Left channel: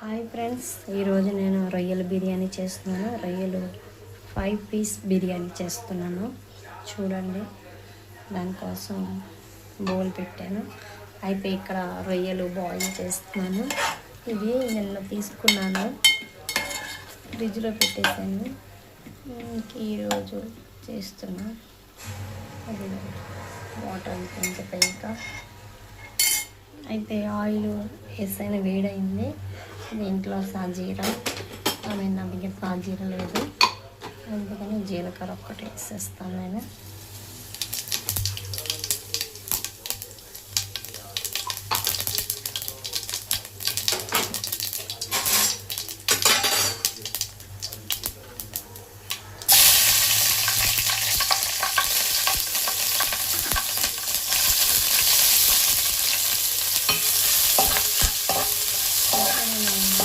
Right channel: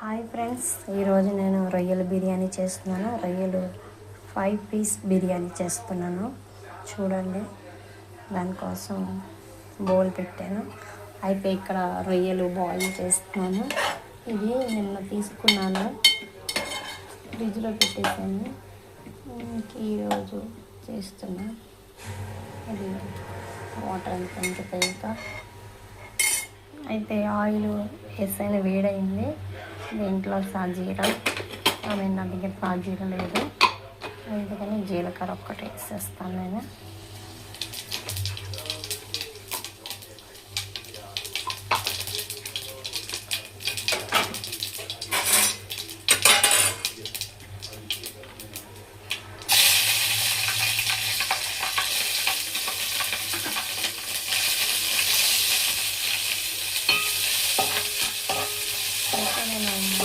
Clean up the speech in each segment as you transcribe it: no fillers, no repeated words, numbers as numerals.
Hi friends, ఈరోజు నేను రొయ్యల బిర్యానీ చేస్తున్నాను. రొయ్యలు 5 పీస్ బిర్యానీ చేస్తున్నాను. చూడండి, దానికోసం బౌల్ పెట్టాను. అయితే ఇక్కడ రొయ్యలు బాయిల్ చేస్తున్నాను. ఇవి నిన్న తీసుకున్నాను, ఫ్రిడ్జ్లో పెట్టేసాను. ఈరోజు చేస్తున్నా. అది వాటర్ అంతా ఇంకిపోయాక అయితే ఆయిల్ వేసాను, వేడైంది. దీంట్లో సాజీరా, నా దగ్గర సాజీరా లేదు, అందుకని జీలకర్ర ఒక్కటి వేసేస్తాను నేను.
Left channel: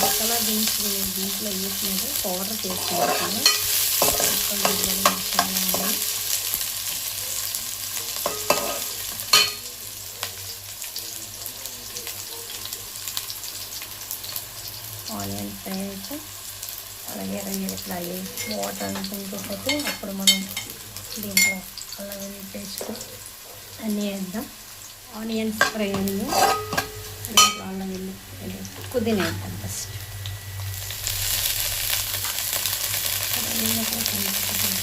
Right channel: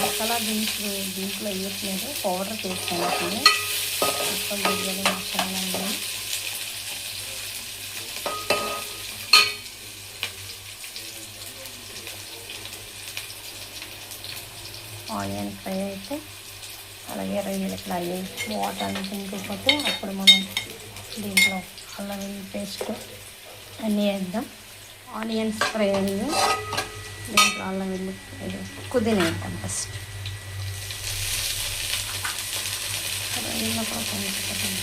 మసాలా దీంట్లో వేయట్లేదు, పౌడర్ చేసుకుంటాను. మొత్తం బిర్యానీ మసాలా ఉంది. ఆనియన్ ఫ్రై అయితే అలాగే రొయ్యలు ఇట్లా వాటర్ అంతా ఇంకిపోతే అప్పుడు మనం దీంట్లో అల్లం పేస్ట్ అన్నీ వేద్దాం. ఆనియన్స్ ఫ్రై అయ్యి దీంట్లో అల్లం వెల్లి పుదీనా వేద్దాం. ఫస్ట్ రొయ్యల్లో కూడా కొంచెం పుదీనా.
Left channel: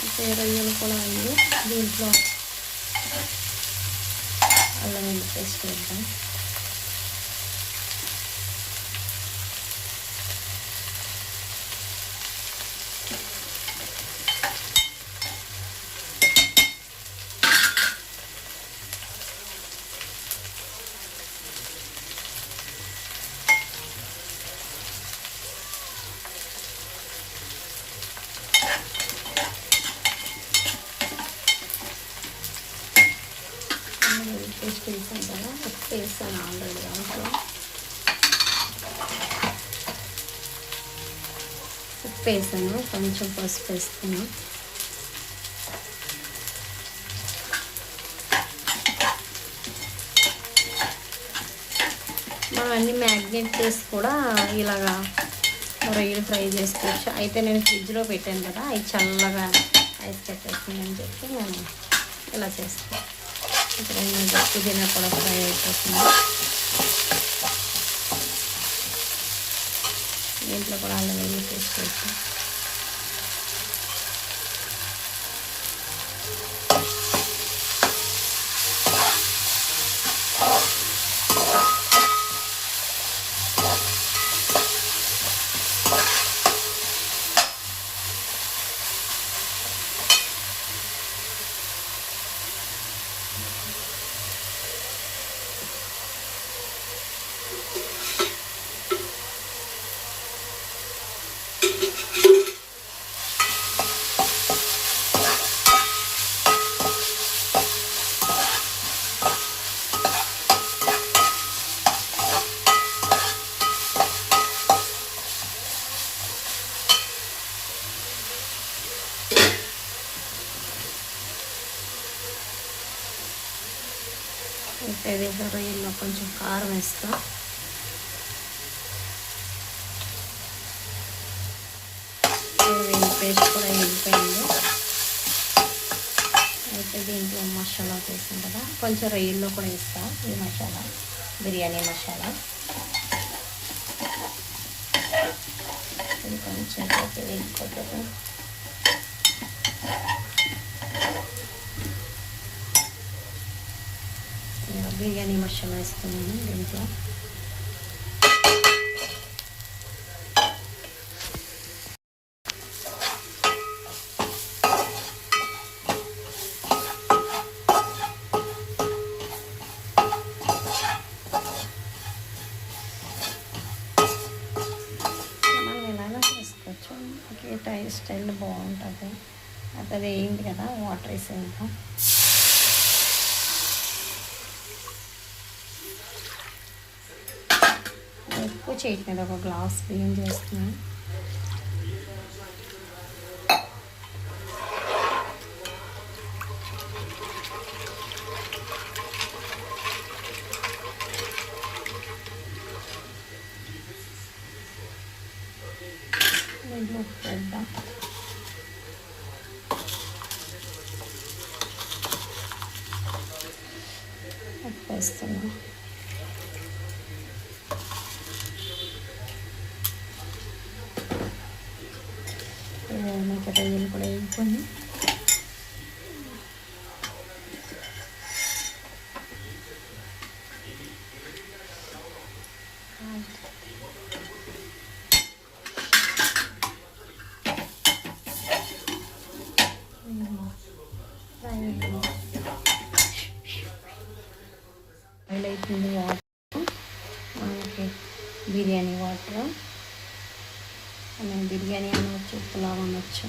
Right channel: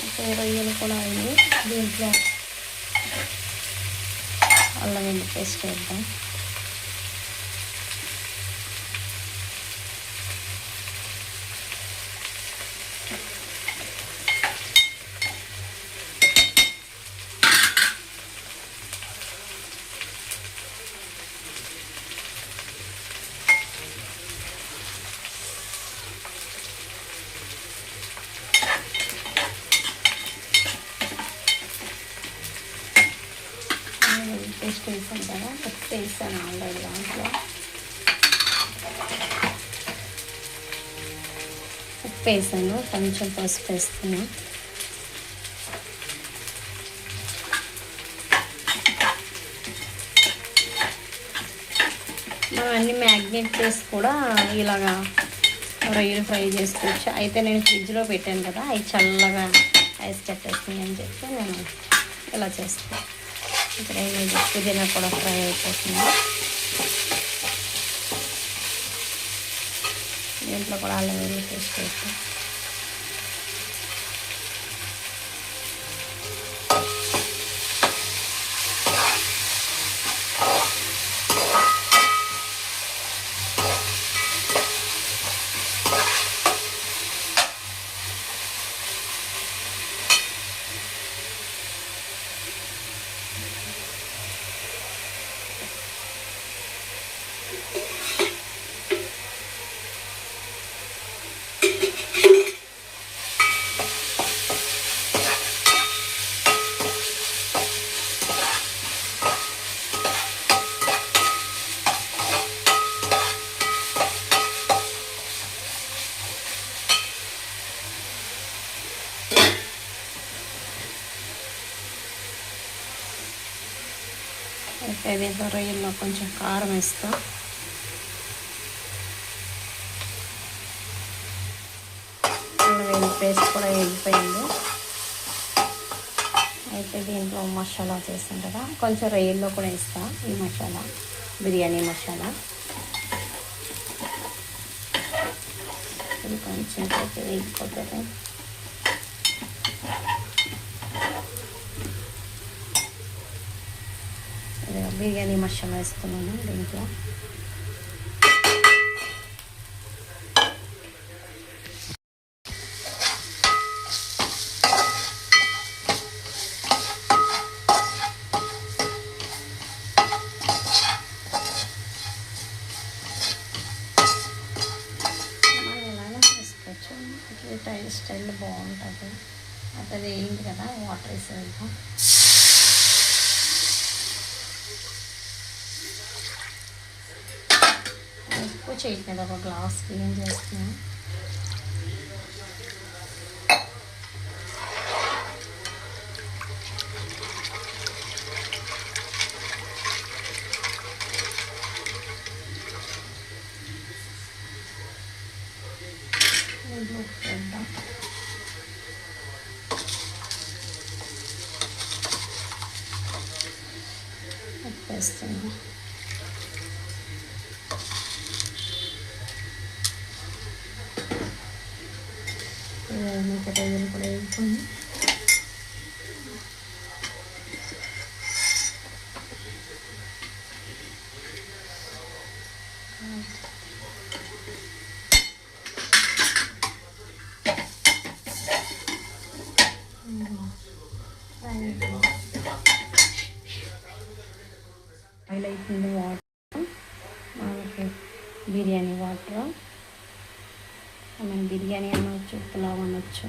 అయితే రొయ్యలు కూడా అయ్యి దీంట్లో అల్లం వెల్లి పేస్ట్ వేద్దాం. పేస్ట్ వేసాను కదా, ఉప్పు వేసాను ఆల్రెడీ. దాంట్లో ఉప్పు వేసాను, కొంచెం పసుపు వేస్తున్నాను. మనం అన్ని మ్యాగ్నేట్ చేసి కూడా ఇలాగా రొయ్యలు ఫ్రై చేసుకోవచ్చు. అయితే నేను ఫ్రిడ్జ్లో పెట్టాను కదా, అవి చల్లగా ఐస్ కట్టేసినాయి అని చెప్పి నేను ఇలా చేస్తాను. ఇక్కడ పుదీనా కూడా ఫ్రై అయిపోతుంది. దీంట్లో కూడా అల్లం వెల్లుల్లి పేస్ట్ వేసి అయితే దీంట్లో రొయ్యల్లో కొంచెం కారం వేస్తా. అల్లం పేస్ట్ కూడా వేగిపోయింది. అయితే దీంట్లో మసాలా వేసాం కదా, కొంచెం రొయ్యల్లో కూడా వేస్తా. ఈ మసాలా బిర్యానీ మసాలా ఇది కొంచెం వేగిపోతుంది. బిర్యానీ మసాలా వేస్తున్నాను దీంట్లో. మనం ఎలాగో చేసుకోవచ్చు, ఒకే స్టైల్ బాగుంటుంది. అది వేయింది కదా, వాటర్ వేసేద్దాం. ఎక్కువ చేయట్లేదు, ఒక గ్లాస్ బియ్యం చేస్తున్నాను. దీంట్లో ఉప్పు వేద్దాం. ఉప్పు వేస్తున్నాం. ఇంకా రొయ్యలు కూడా వేసుకొని ఆయిల్ అవుతుంది. వాటర్ మనకి బిర్యానీ వాటర్, మనం బిర్యానీ అనవచ్చు, పులావ్ అనవచ్చు.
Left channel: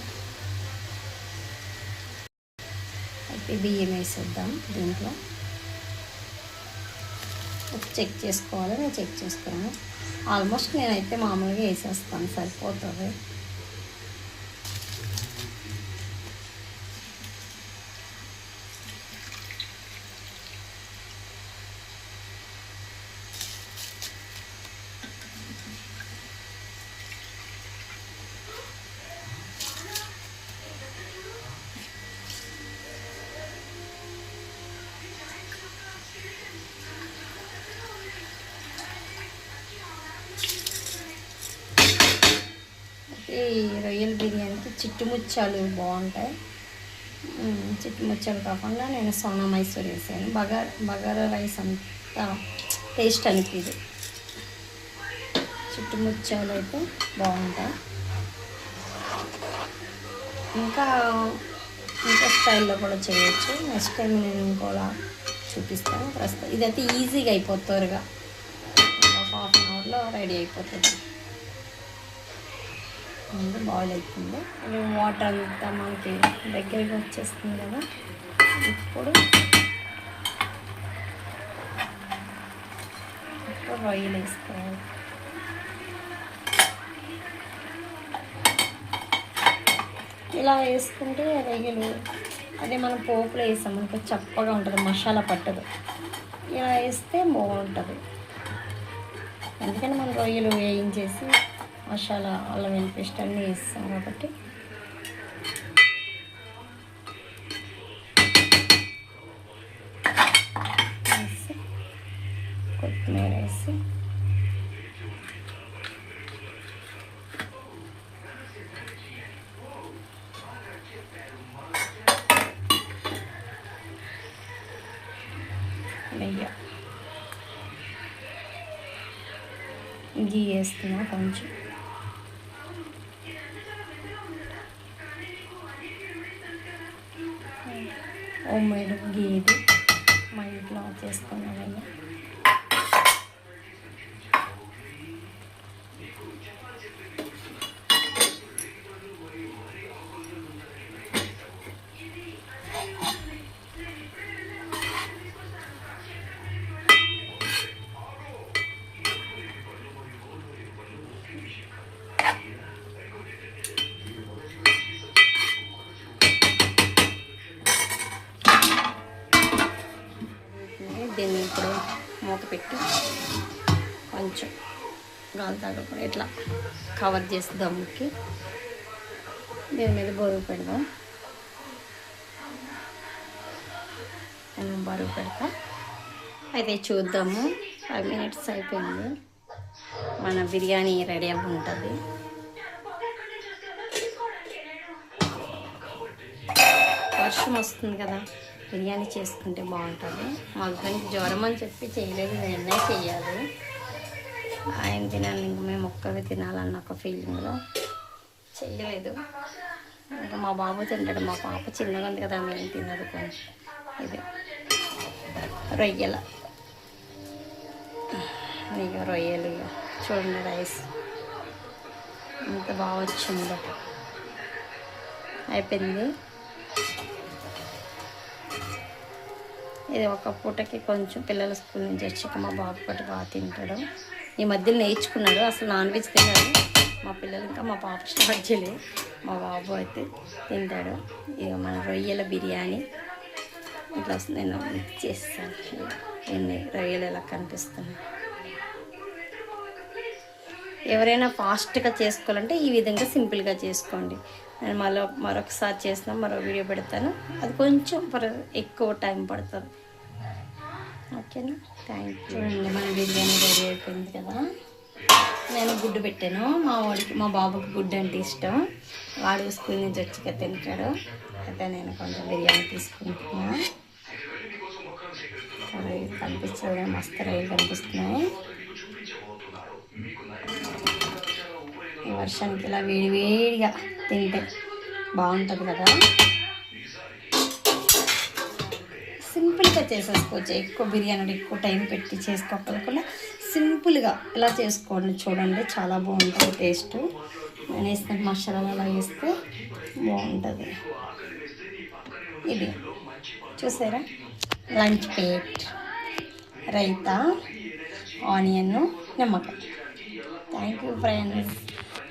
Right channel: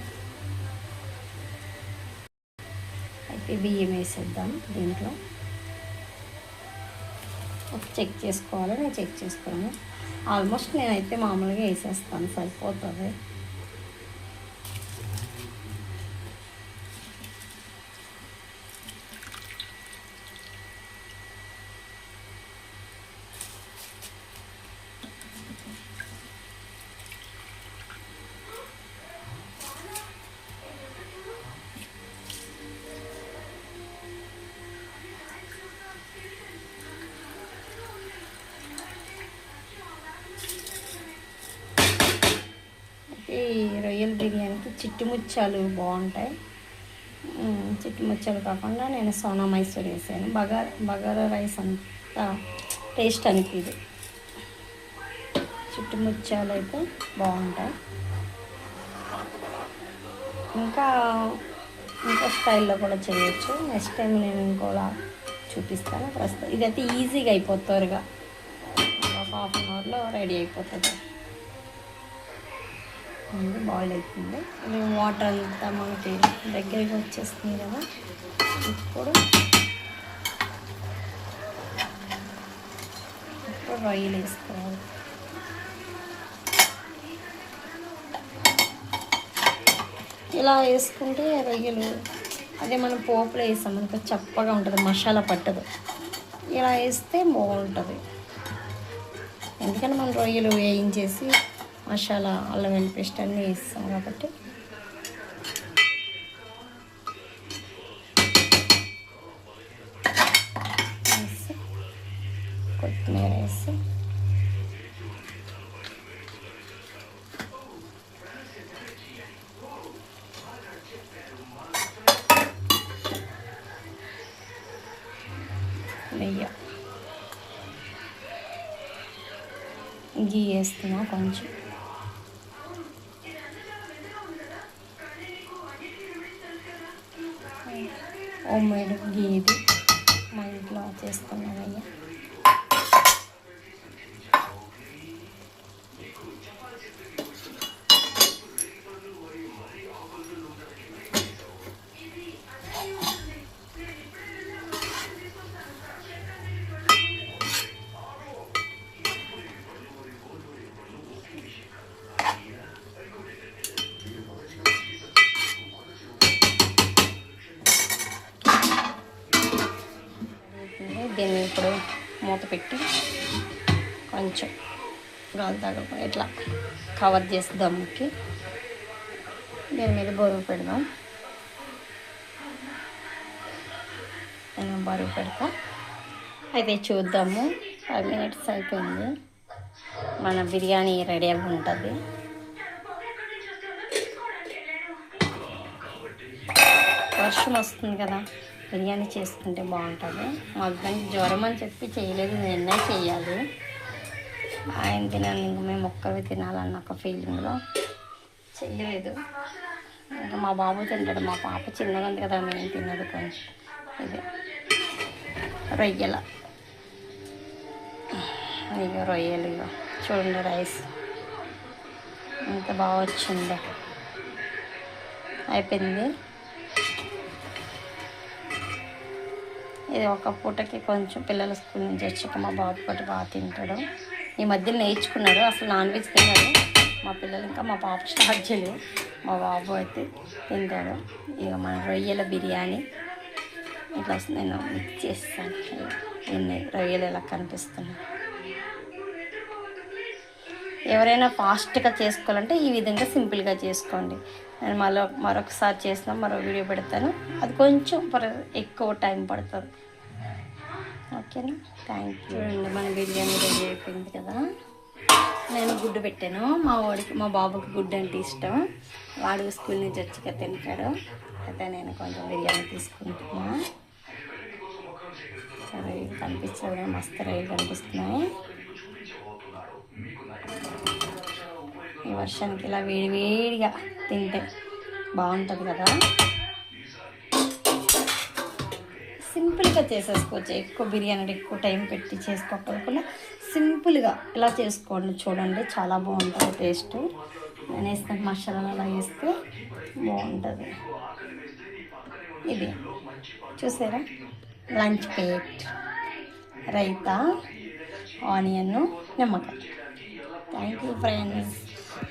అయితే బియ్యం వేసేద్దాం. దీంట్లో చెక్ చేసుకోవాలి. నేను చెక్ చేసుకున్నాను. ఆల్మోస్ట్ నేనైతే మామూలుగా వేసేస్తాను, సరిపోతుంది. ఈ రొయ్యల బిర్యానీకి చిట్టుముచ్చాలు బాగుంటాయి. చిట్టుముచ్చాలు కాకుండా నేను సోనా మైసూర్ వేసాను. బగారా రైస్ అంతా టేస్ట్ అనిపిది. చిట్టుముచ్చాలు అయితే బాగుంటాయి. ఇంకా స్టైల్లో కూడా చేయొచ్చు. నెక్స్ట్ టైం నేను ఇంకోలా చూపిస్తాను. ప్రస్తుతం ఇదైతే ఈజీగా అయిపోతుంది. త్వరగా ఒక హాఫ్ అన్ అవర్లో రెడీ అయిపోతుంది. బాయిల్ అవుతుంది. ఇది వాటర్ అంతా మనకి దగ్గరికి వచ్చేస్తుంది కదా. ఇప్పుడు రొయ్యలు వేసుకోవాలి. ఇలా వేసుకుంటే రొయ్యలు అదే మనం పోపులో వేస్తాం మనకు చప్పగా ఉంటుంది, మసాలా పట్టదు. ఇలా వేస్తే బాగుంటుంది. ఎందుకంటే మనం రొయ్యలు వేయించేసి మసాలా, అల్లం వెల్లుల్లి పేస్ట్ అన్నీ వేస్తాం కాబట్టి. వేసి కొత్తిమీర వేసి నెయ్యి గీ వేస్తున్నా కొంచెం. హోమ్ మేడ్ గీ ఇది, మా ఇంట్లో చేసుకున్నానయ్యా. దీన్ని ఇప్పుడు మూత పెట్టి కొంచెం గాలి తగలకుండా ఇట్లా కవర్ చేసి దమ్ముకి దీని మీద బరువు పెడదాం. నేను బరువు పెడతా. అయితే చూద్దాము. 5 minutes అయిపోయింది. మన బిర్యానీ రెడీ అవి ఉంటుంది. వర్షం వస్తుంది కదా, బిర్యానీ చేసుకుంటే బాగుంటుంది. మా హస్బెండ్కి జ్వరం అని చెప్పి చేయలేదు, నేనే చేయాలి. ఆయన తినాలి, ఇంక మేము ఒక్కవి తినాలన్న ఒక ఫీలింగ్లో చేయలేదు. ఇంకా మా బాబు తింటాడు. మా పాప చిన్నగా ఉంది కదా, మేము తినదు. కొంచెం ఇది రొయ్యల రొయ్యలు చూడండి. రైస్ ఎంత బాగా వచ్చిందో. అయిపోయింది. ఇది ఒక పూటకి కొంచెం పిల్లల స్కూల్ నుంచి వచ్చాక మా బాబు పాటు బాగా తింటాడు. ఈ మధ్యలో నేర్చుకున్నాడు. అసలు నాన్ వెజ్ తిన్నాడు మా పిల్లలు. ఇంకా మా పాప స్టార్ట్ చేయలేదు. మా బాబు అయితే తింటాడు. ఇక మన రొయ్యల బిర్యానీ ఇట్లా నేను మిక్స్ చేస్తాను. ఎన్ని రొయ్యలు ఎలా కనిపిస్తున్నాయి. ఎవరైనా ఫాస్ట్గా చేసుకోవాలంటే ఈ విధంగా సింపుల్గా చేసుకోండి. నేను మరొకసారి చేసిన మరో వీడియో పెడతాను, అది కొంచెం ఎక్కువ టైం పడుతుంది. ఓకేనా, థ్యాంక్ యూ. చూడండి మన బిర్యానీ రెడీ అయిపోయింది కదా. నేను గుడ్డు పెట్టాను, మా బాబుకి గుడ్డు అంటే ఇష్టం, వాడు స్కూల్ నుంచి వచ్చి తింటాడు. అయితే నేను కొంచెం బిర్యానీ తీసుకుంటున్నాను. సరే కనిపిస్తుంది, మస్తు రైలు కనిపిస్తున్నాయి. ఈ వర్షానికి ఇలా వేడివేడిగా తింటే బాగుంటుంది కదా. సింపుల్గా చేసేసుకోవచ్చు, ఎక్కువ బిర్యానీ ఎక్కువ టైం పెట్టి చేసుకోకుండా సింపుల్గా ఇలా చేసుకోండి. చూడండి చాలా బాగుంటుంది టేస్ట్. నేను వేసిన మసాలాలు అలా వేస్తే బాగుంటుంది. ఇది చూసారా, లంచ్ ప్లేట్, రైతా, ఆనియన్, నిమ్మకాయ. Thank you friends.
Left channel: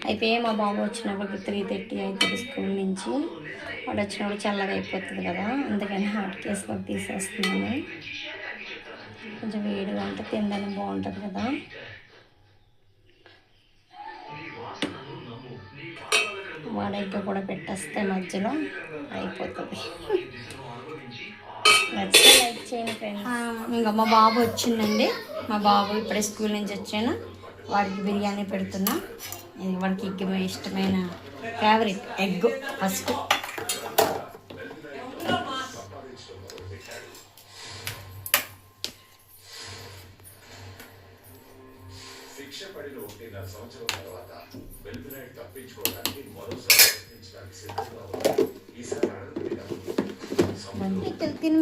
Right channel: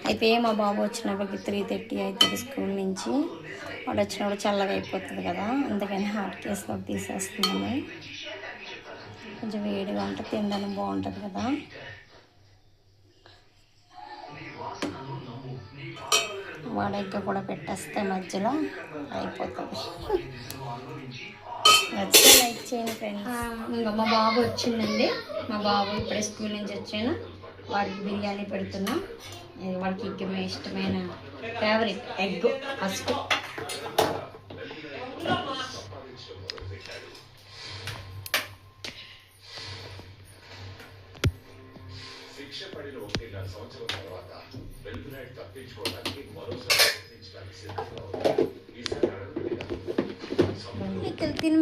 అయితే మా బాబు వచ్చినప్పటికి 3:30 అవుతుంది స్కూల్ నుంచి. వాడు వచ్చినప్పుడు చల్లగా అయిపోతుంది కదా, అందుకని హాట్ కేసులో తీసేస్తున్నాను. కొంచెం వేడిగా ఉంటే తినడానికి బాగుంటుంది కదా. వాడెగ్గ కూడా పెట్టేస్తే మధ్యలో అయిపోతుంది. నచ్చితే లైక్ చేయండి ఫ్రెండ్స్. ఇంకా మా బాబు వచ్చిందండి, మా బాబు ఇప్పుడే స్కూల్ నుంచి వచ్చాను. వాడికి బిర్యానీ పెడుతున్నా. వాడికి ఇష్టమైన ఫేవరెట్ ఎగ్ ఫస్ట్.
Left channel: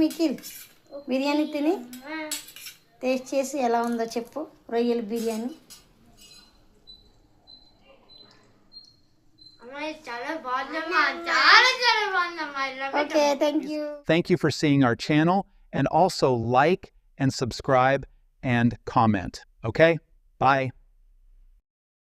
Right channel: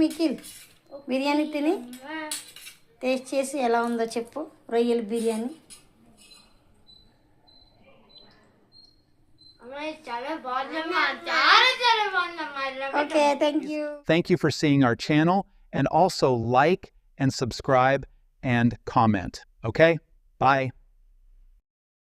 మికిల్ బిర్యానీ తిని టేస్ట్ చేసి ఎలా ఉందో చెప్పు. రొయ్యల biryani okay, thank you. Thank you for seeing our channel, and also like and subscribe and comment. Okay, bye.